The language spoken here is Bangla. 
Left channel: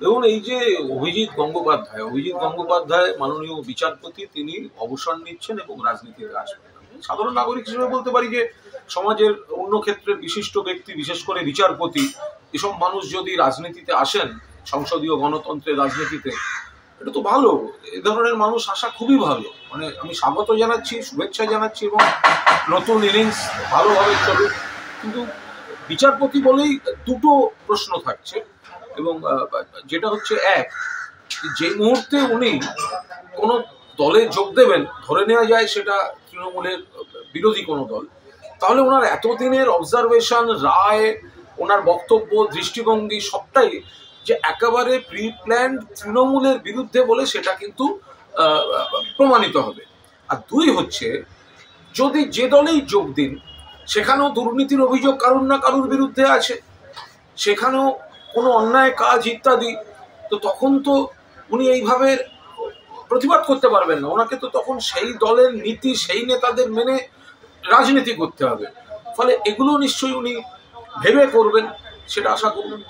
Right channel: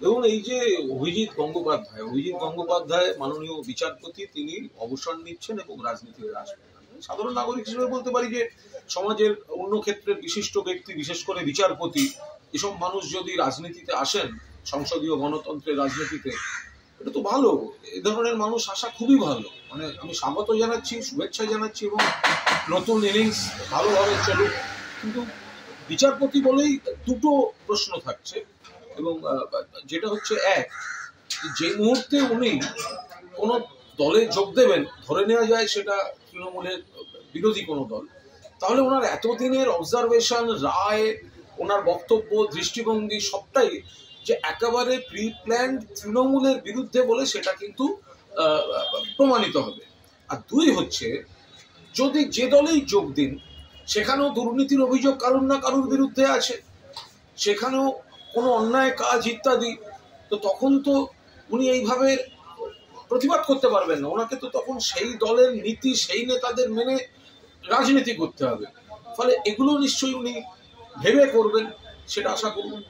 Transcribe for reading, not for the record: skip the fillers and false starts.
দেখুন, এই যে অভিজিৎ গঙ্গোপাধ্যায় মাননীয় বিচারপতি, তিনি অবসর নিচ্ছেন এবং রাজনীতিতে আসবেন। সাধারণ নাগরিক হিসেবে বলতে পারি যে সমাজের অন্য ক্ষেত্রের বিশিষ্ট ব্যক্তি, বিশেষ করে বিচারপতি, এসব মানুষ যদি রাজনীতিতে আসেন, সংসদীয় গণতন্ত্রের রাজনীতিতে, এটা তো ভালো। এই ধরনের মানুষ আসা খুবই ভালো। মানে আমি স্বাগত জানাচ্ছি, শুভেচ্ছা জানাচ্ছি, এবং নতুন ইনিংস ভালোভাবে চলুক। কিন্তু বিচারপতি বলেই দুটো প্রশ্ন থাকছে, এবং যেটা হচ্ছে, এক, যে মুহূর্তে উনি কোনো দলে যোগ দেবেন, ধরে নেওয়া যায় সেটা তৃণমূলের বিরোধী কোনো দল, তাহলে ওনার এতদিনের অবজারভেশন, রায়, ওনার বক্তব্য, দৃষ্টিভঙ্গি সবটাই যে একেবারে প্রি প্ল্যান্ড তৃণমূলের বিরুদ্ধে বলে সেটা কিন্তু প্রমাণিত হবে। আর দুই হচ্ছে, যদি যে দলেই যোগ দিন, সেখানেও দুর্নীতির অভিযোগ কারুর না কারুর বিরুদ্ধে আছে, সেখানেও কোনো অন্যায় কাজ ইত্যাদি, তো তখন তো উনি এইভাবে প্রতিবাদ করতে পারবেন না। ওনাকে তো তখন সেই দলের নীতি, সেই নেতাদের মেনে রাজনীতি করতে হবে। ফলে এগুলো নিশ্চয়ই উনি ভেবে করবেন, সেটা আশা করুন।